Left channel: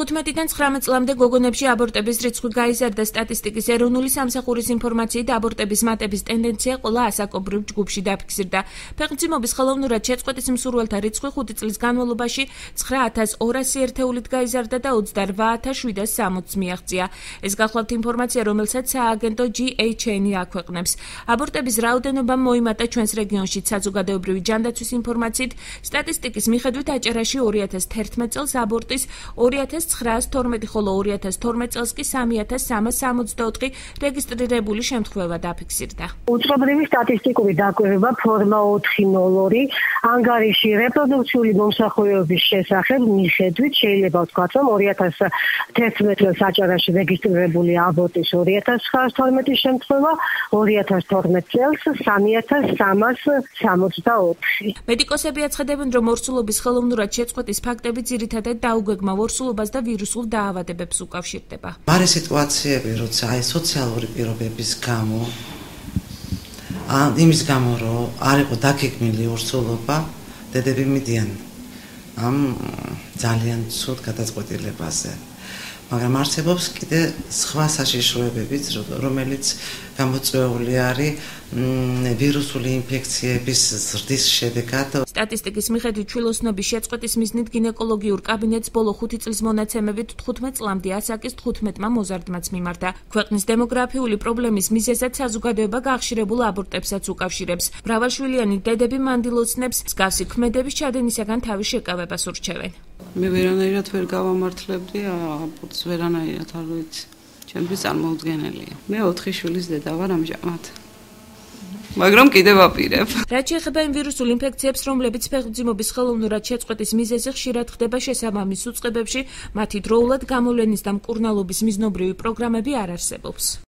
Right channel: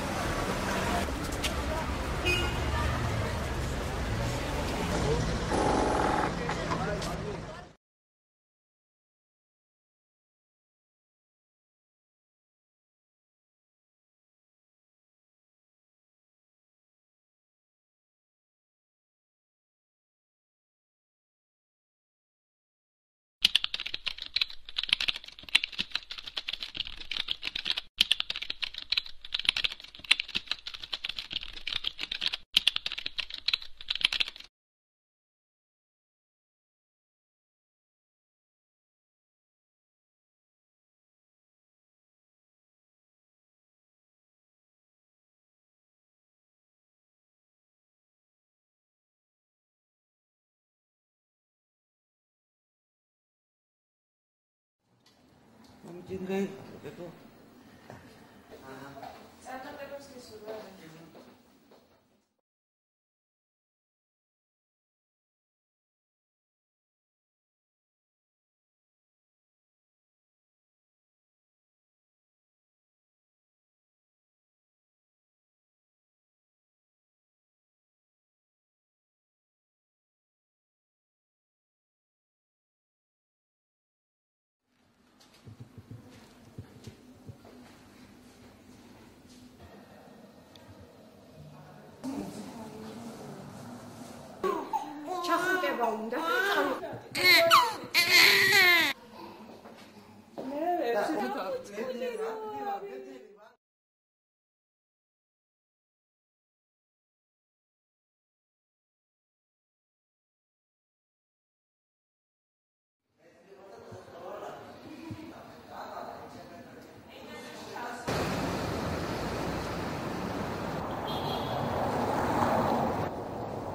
2015-დან 19 წლამდე გოგონებში აბორტების რიცხვი გაიზარდა. სტატისტიკის ეროვნული სამსახურის ინფორმაციით აბორტების მატების ტენდენცია ყველა ასაკობრივ ჯგუფში დაფიქსირდა. ფეხმძიმობის ხელოვნურად შეწყვეტის მსურველთა რიცხვი 5 წლის განმავლობაში 9200 ერთეულით გაიზარდა და 28760 მიაღწია. ეს გახლავთ ინფორმაცია, რომელსაც სააგენტო GHN აქვეყნებს. აბორტების რაოდენობა მოიმატა ჩვენს რეგიონში. საზოგადოებრივი ჯანდაცვის ინფორმაციით, სტატისტიკის მიხედვით აჭარაში 2011 წელს აბორტის 2912, ხოლო 2012 წელს კი 3364 რეგისტრირებული შემთხვევა დაფიქსირდა. უწყობრივი სტატისტიკური დაკვირვება ფორმა 402 ანგარიში რეპროდუქციული მომსახურების შესახებ მიხედვით შეიძლება ვთქვათ, რომ 2011 წელს აჭარაში რეგისტრირებული აბორტის 2912 შემთხვევა, 2012 წელს 3364. მედიკოსები აცხადებენ, რომ ორსულობის ხელოვნურად შეწყვეტის ფაქტები ძირითადად დაუგეგმა ორსულობას და ვირუსულ დაავადებებს უკავშირდება. მარე სიტუაციები, როცა აი სოციალური პირობების გამო, იმის გამო, რომ არ იყო დაგეგმილი ორსულობა, დედები მიდიან ამ ძალიან ცუდ გადაწყვეტილებაზე. მაგრამ არსებობს კიდე სხვა საშიშროებებიც, რომელიც გამოწვეული არის ვირუსული ინფექციების ზრდის შედეგად. სტატისტიკის მიხედვით ჩვილოსნობის შეწყვეტის მიზნით გინეკოლოგიურ კაბინეტს ბოლო 5 წლის მონაცემებით 15 წლამდე ასაკის 15-მა მოზარდმაც მიმართა. ქვეყნის დემოგრაფიული პრობლემის მიზეზად საზოგადოება გახშირებულ აბორტებსაც უკავშირებს. მრავალშვილიანი დედები მანდილოსნებს მსგავსი ქმედების ჩადენისაგან თავის შეკავებას ურჩევენ. მე ვერანაირად ვერ გავამართლებდი აბორტს, ვერანაირად არ ვიცი. ჩემთვის წარმოუდგენელია. მე 4 შვილის დედა ვარ ამჟამად. მაგრამ კიდევ ვაპირებ. რაც შეეხება იმ ვირუსულ ინფექციებს, რომლებიც ფეხმძიმობის ხელოვნურად შეწყვეტის მიზეზი ხშირად ხდება შესაბამის უწყებებში, მათი დროულად გამოვლენის და მკურნალობის მიზნობრივი პროგრამები არ არსებობს.